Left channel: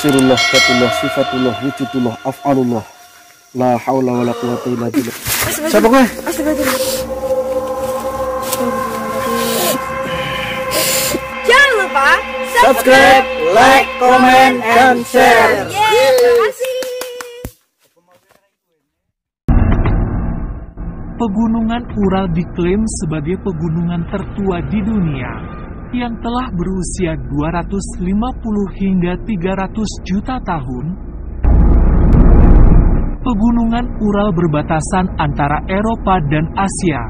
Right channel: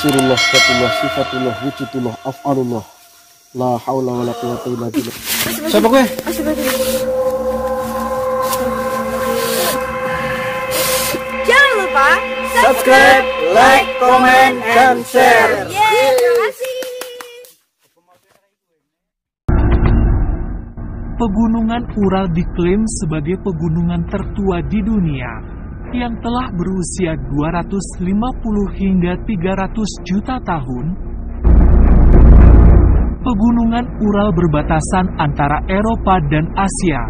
sirullah, katullah, sifatullah, wujudullah, af'alullah. La haula wa la quwata illa billah. Siapa gue? Jangan lupa Subscribe, like, comment, dan share. Terima kasih. Pegunungan Ural diklaim sebagai pegunungan tertua di dunia yang telah berusia 250 hingga 300 juta tahun. Pegunungan Ural berbatasan antara Eropa dan Asia,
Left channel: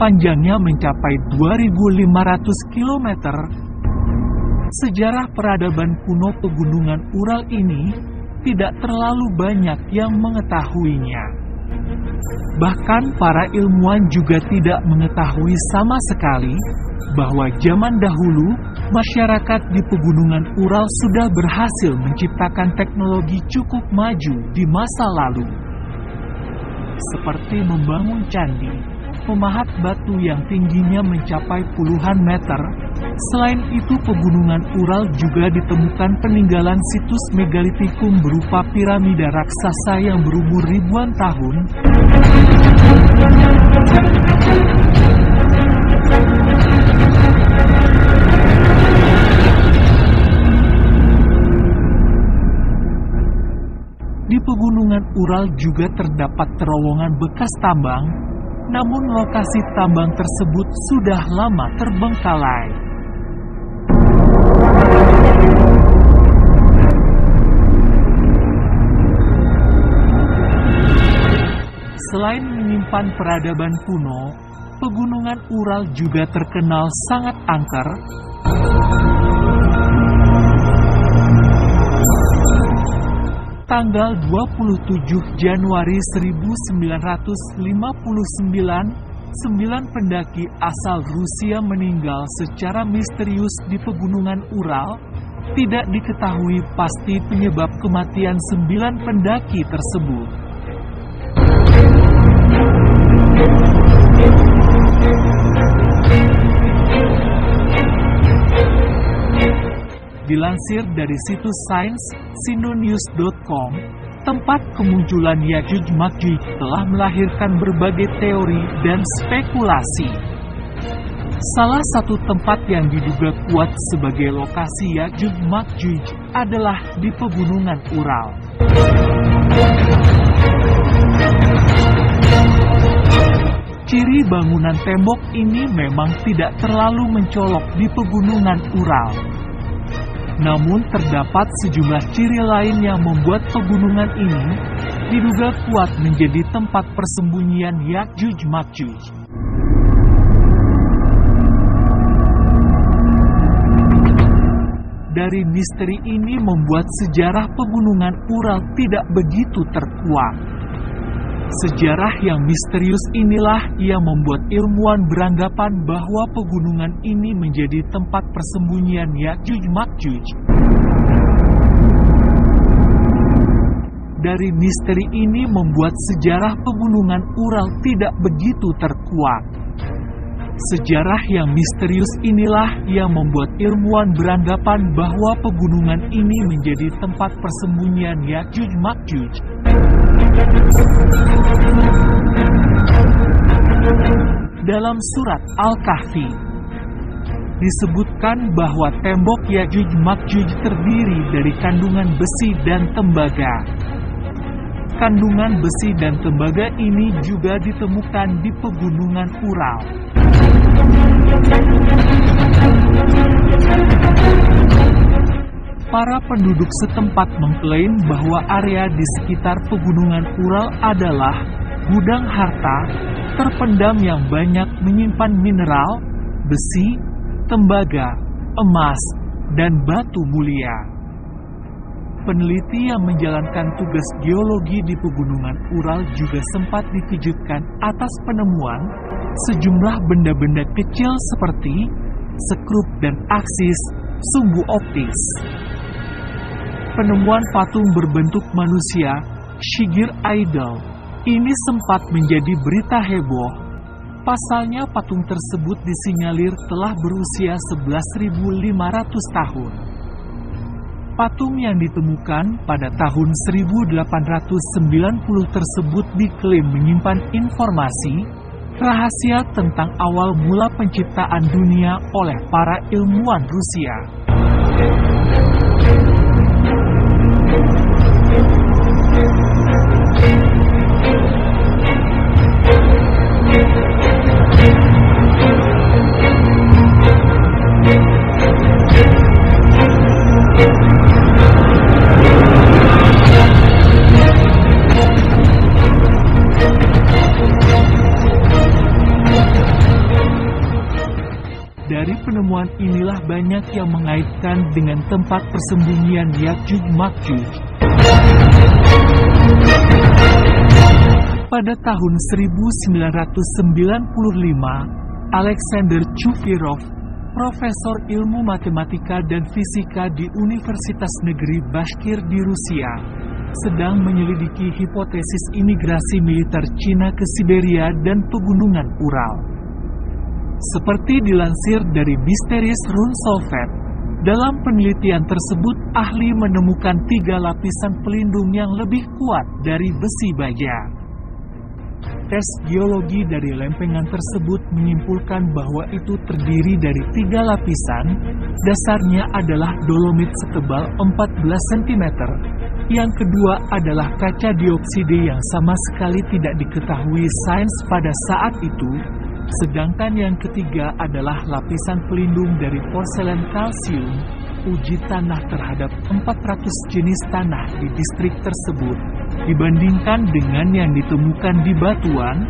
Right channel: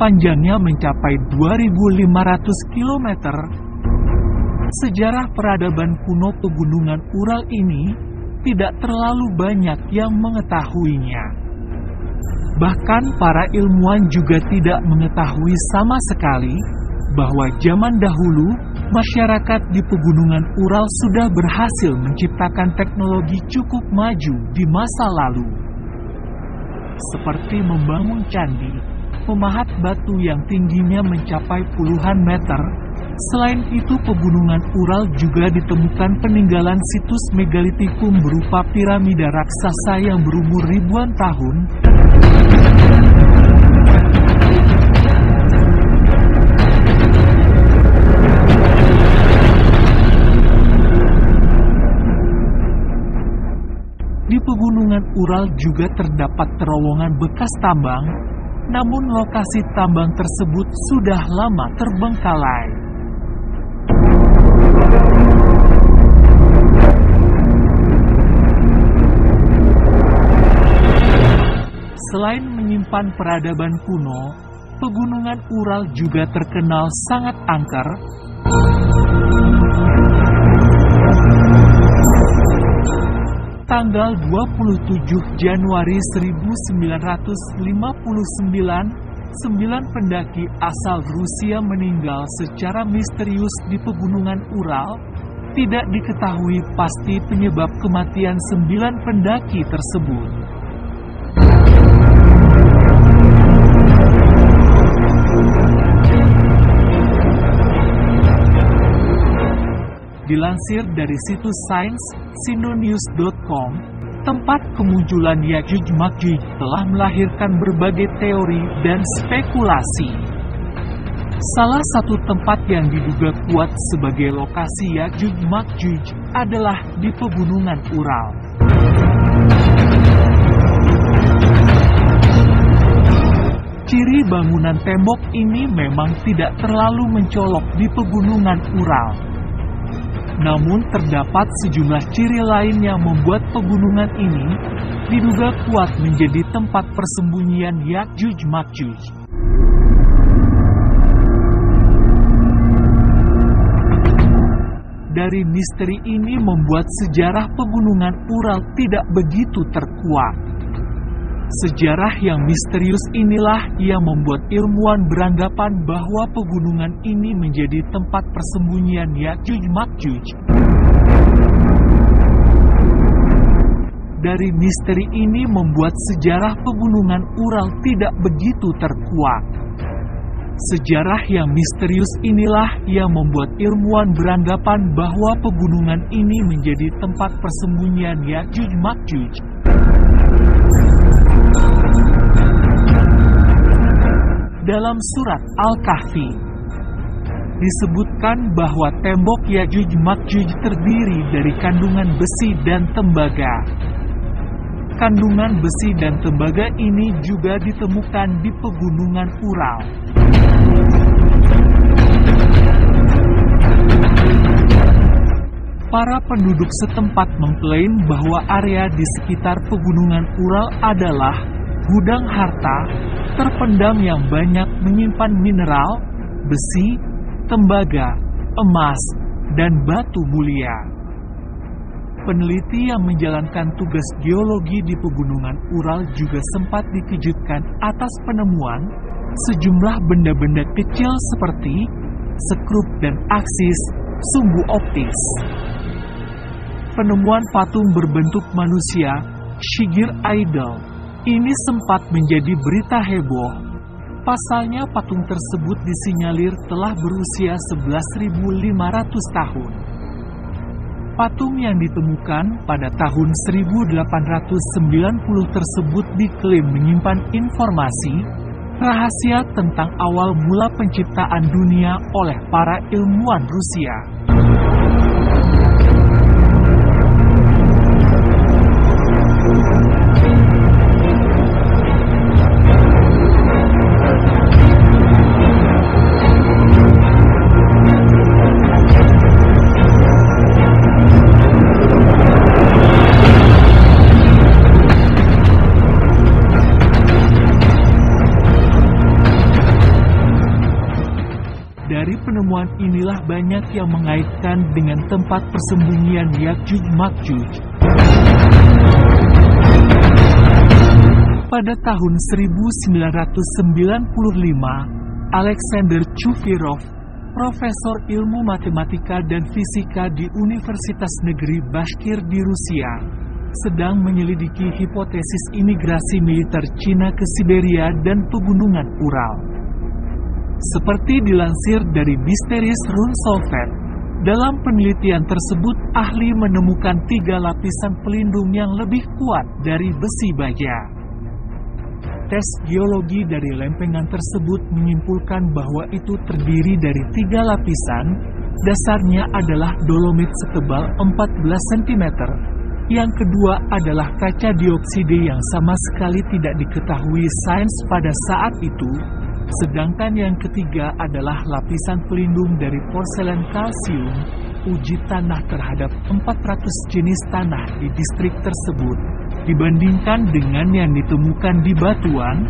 panjangnya mencapai 2.500 km. Sejarah peradaban kuno pegunungan Ural ini tidak terlalu banyak yang mengetahuinya. Bahkan para ilmuwan juga tidak mengetahui sama sekali bahwa zaman dahulu masyarakat di pegunungan Ural sudah berhasil menciptakan teknologi cukup maju di masa lalu. Seperti membangun candi, memahat batu yang tingginya mencapai puluhan meter. Selain itu, pegunungan Ural juga ditemukan peninggalan situs megalitikum berupa piramida raksasa yang berumur ribuan tahun. Di pegunungan Ural juga terdapat terowongan bekas tambang, namun lokasi tambang tersebut sudah lama terbengkalai. Selain menyimpan peradaban kuno, pegunungan Ural juga terkenal sangat angker. Tanggal 27 Januari 1959, 9 pendaki asal Rusia meninggal secara misterius di pegunungan Ural. Tidak diketahui pasti penyebab kematian 9 pendaki tersebut. Dilansir dari situs sains sindonews.com, tempat kemunculan Ya'juj Ma'juj telah melahirkan berbagai teori dan spekulasi. Salah satu tempat yang diduga kuat sebagai lokasi Ya'juj Ma'juj adalah di pegunungan Ural. Ciri bangunan tembok ini memang tidak terlalu mencolok di pegunungan Ural. Namun terdapat sejumlah ciri lain yang membuat pegunungan ini diduga kuat menjadi tempat persembunyian Ya'juj Ma'juj. Dari misteri ini membuat sejarah pegunungan Ural tidak begitu terkuak. Sejarah yang misterius inilah yang membuat ilmuwan beranggapan bahwa pegunungan ini menjadi tempat persembunyian Ya'juj Ma'juj. Dari misteri ini membuat sejarah pegunungan Ural tidak begitu terkuak. Sejarah yang misterius inilah yang membuat ilmuwan beranggapan bahwa pegunungan ini menjadi tempat persembunyian Ya'juj Ma'juj. Dalam surat Al-Kahfi disebutkan bahwa tembok Ya'juj Ma'juj terdiri dari kandungan besi dan tembaga. Kandungan besi dan tembaga ini juga ditemukan di pegunungan Ural. Para penduduk setempat mengklaim bahwa area di sekitar pegunungan Ural adalah gudang harta terpendam yang banyak menyimpan mineral, besi, tembaga, emas, dan batu mulia. Peneliti yang menjalankan tugas geologi di pegunungan Ural juga sempat dikejutkan atas penemuan sejumlah benda-benda kecil seperti sekrup dan aksis sumbu optis. Penemuan patung berbentuk manusia, Shigir Idol, ini sempat menjadi berita heboh. Pasalnya patung tersebut disinyalir telah berusia 11.500 tahun. Patung yang ditemukan pada tahun 1890 tersebut diklaim menyimpan informasi rahasia tentang awal mula penciptaan dunia oleh para ilmuwan Rusia. Dari penemuan inilah banyak yang mengaitkan dengan tempat persembunyian Ya'juj Ma'juj. Pada tahun 1995, Alexander Chuvyov, profesor ilmu matematika dan fisika di Universitas Negeri Bashkir di Rusia, sedang menyelidiki hipotesis imigrasi militer Cina ke Siberia dan pegunungan Ural. Seperti dilansir dari Mysteries Rune Solved, dalam penelitian tersebut ahli menemukan 3 lapisan pelindung yang lebih kuat dari besi baja. Tes geologi dari lempengan tersebut menyimpulkan bahwa itu terdiri dari 3 lapisan, dasarnya adalah dolomit setebal 14 cm. Yang kedua adalah kaca dioksida yang sama sekali tidak diketahui sains pada saat itu. Sedangkan yang ketiga adalah lapisan pelindung dari porselen kalsium. Uji tanah terhadap 400 jenis tanah di distrik tersebut, dibandingkan dengan yang ditemukan di batuan,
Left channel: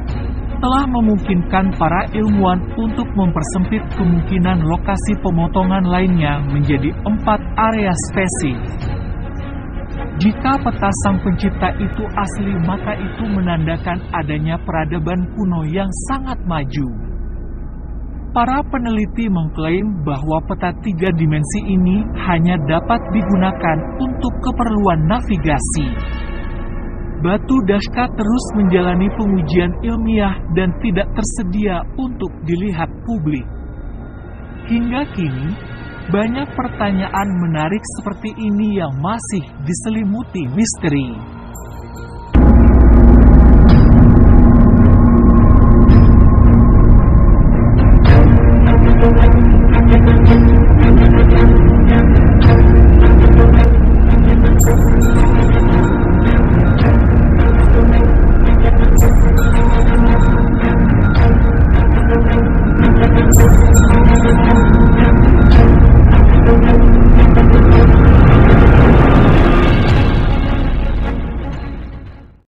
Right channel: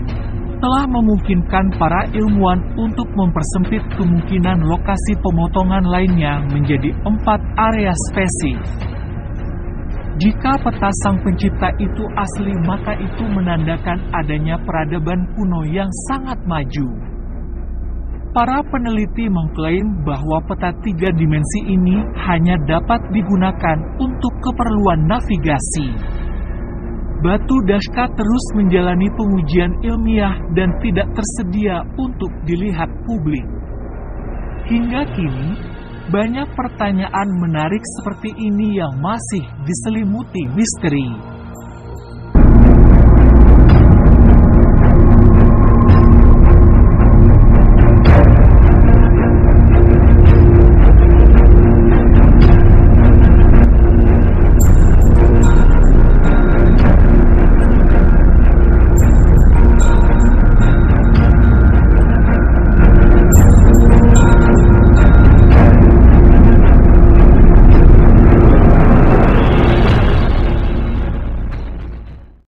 telah memungkinkan para ilmuwan untuk mempersempit kemungkinan lokasi pemotongan lainnya menjadi 4 area spesifik. Jika peta Sang Pencipta itu asli, maka itu menandakan adanya peradaban kuno yang sangat maju. Para peneliti mengklaim bahwa peta 3 dimensi ini hanya dapat digunakan untuk keperluan navigasi. Batu Dashka terus menjalani pengujian ilmiah dan tidak tersedia untuk dilihat publik. Hingga kini, banyak pertanyaan menarik seperti ini yang masih diselimuti misteri.